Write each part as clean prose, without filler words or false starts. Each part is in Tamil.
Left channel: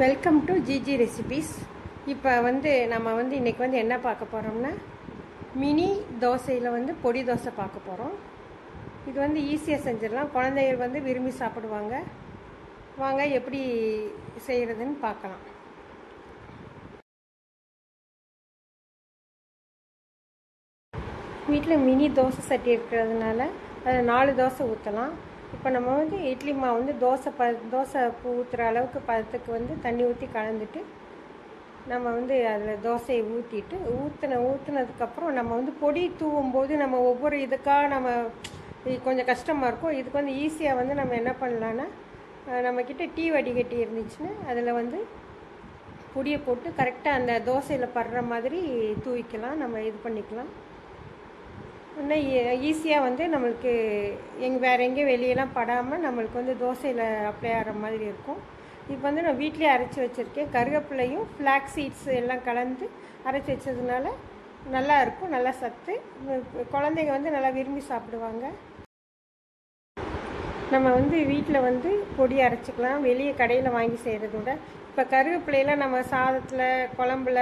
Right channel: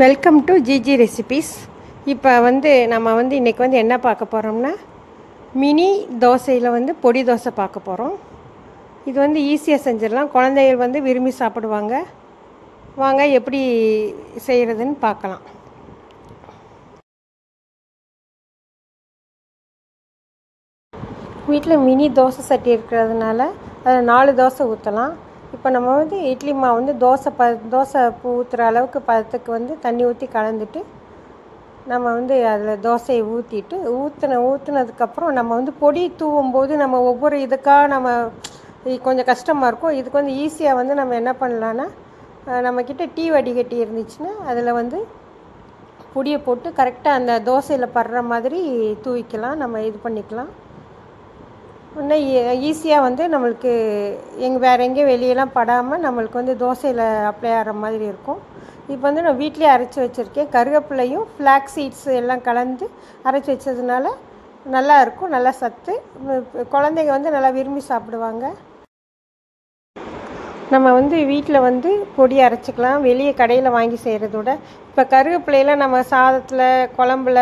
Welcome to GG recipes. இப்போ நம்ம இன்றைக்கி என்ன பார்க்க போகிறோம்னா, மினி தோசையில் பொடி தோசை பார்க்க போகிறோம். இது ஈஸியாக செஞ்சிடலாம். குழந்தைகள் விரும்பி சாப்பிடுவாங்க. வாங்க எப்படி செய்கிறதுன்னு பார்க்கலாம். வீட்டில் மினி தோசை சட்டி இருக்கிறதுனால அதில் 4 தோசை ஊற்றலாம். இப்போ நம்ம இட்லி மாவு தோசை ஊற்றுற அளவுக்கு பதத்துக்கு தண்ணி ஊற்றி கலந்துட்டு நம்ம அதில் தோசையை ஊற்றிட்டு ஊற்றுனதுக்கப்புறம் நம்ம பொடி தூவும்போது நம்ம ஒவ்வொரு இதுக்காக நம்ம கொஞ்சம் கஷ்டமாக இருக்கும். இதுக்கு ஈஸியாக நம்ம என்ன பண்ணலான்னா, நம்மக்கிட்ட டீ வடிகட்டி இருந்துச்சுன்னா அதில் பொடியை போட்டு கரெக்டாக அந்த தோசையில் படுற மாதிரி தூவிக்கலாம். நம்ம இது பண்ணிக்கலாம். இன்னும் ஈஸியாக நம்மளுக்கு வேறு எங்கேயும் வெளியெல்லாம் படாமல் நம்மளுக்கு தோசையில் அப்ளை ஆகிற மாதிரி இருக்கும். இப்போ நான் வீட்டிலே அரைச்சி வச்சுருக்கேன். கருவேப்பிலையும் ஃப்ளாக்ஸ் சீட்ஸ் எல்லாம் கலந்து அரைச்சி வச்சதுனால நல்லா இருக்கும். நல்லா சத்து. குழந்தைங்க நல்லா விரும்பி சாப்பிடுவாங்க. நம்ம வீட்டில் பொடி அரைச்சிக்கலாம். வெளியே கடையில் வாங்கி செய்கிறதோட. இப்போ கருவேப்பிலையெல்லாம் நம்ம சாதத்தில், குழம்புல,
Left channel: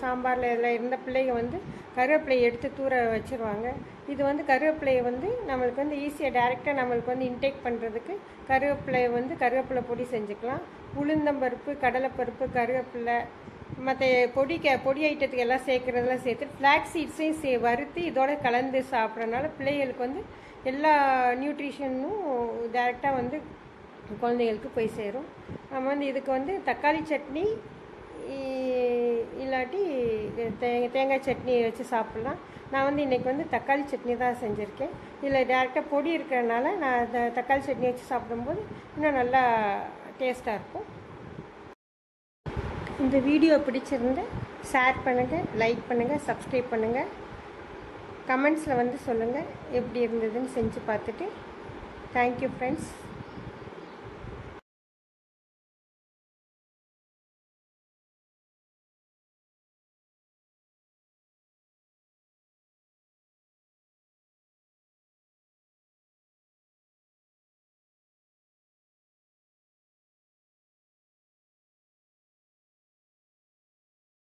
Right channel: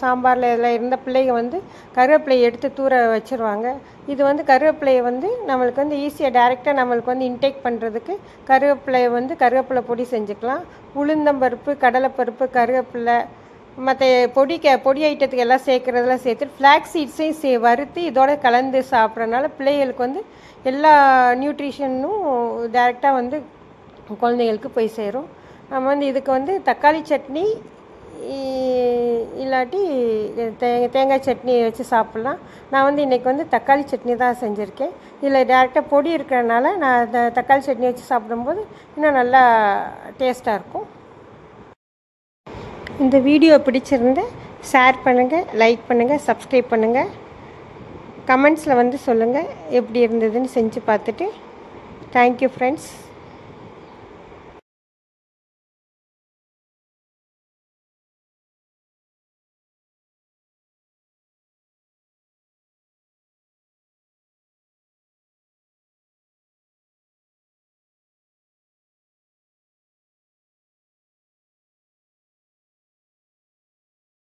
சாம்பாரில் இதில் இருந்த பிள்ளைங்க கருவேப்பிலையை எடுத்து தூர வச்சுருவாங்க. இது கருவேப்பிலையை நம்மளுக்கு ஈஸியாக டைரெக்டாக நம்மளுக்கு இன்டேக் பண்ணுறதுக்கு கருவேப்பிலை பொடி செஞ்சுக்கலாம். உளுந்தம்பருப்பு, கடலைப்பருப்பு, கருவேப்பிலை, மற்ற பொடி ஐட்டத்துக்கு எல்லாம் சேர்க்குறதெல்லாம் சேர்த்துட்டு ஃப்ளாக்ஸ் சீட்ஸையும் வறுத்து இதோட கலந்து சாப்பிட்றதுனால பிள்ளைகளுக்கு எல்லா நியூட்ரிஷனும் டைரெக்டாக குழந்தைகளுக்கு போய் சேரும். நம்ம இதுக்கு தக்காளி சட்னி இல்லாட்டி தேங்காய் சட்னி வச்சு சாப்பிட்லாம். நான் இன்றைக்கி தக்காளி சட்னி தான் செஞ்சுருக்கேன். இதில் டேரெக்டாக பொடி இருக்கிறதுனால நான் தக்காளி சட்னி வச்சு சாப்பிடும்போது இன்னும் நல்லா டேஸ்ட்டாக இருக்கும். இந்த வீடியோ பிடிச்சிருந்தா ஷேர் பண்ணுங்கள், லைக் பண்ணுங்கள், சப்ஸ்கிரைப் பண்ணுங்கள். கமெண்ட்ஸில் சொல்லுங்கள் எப்படி இருந்ததுன்னு செஞ்சு பார்த்துட்டு. Thank you friends.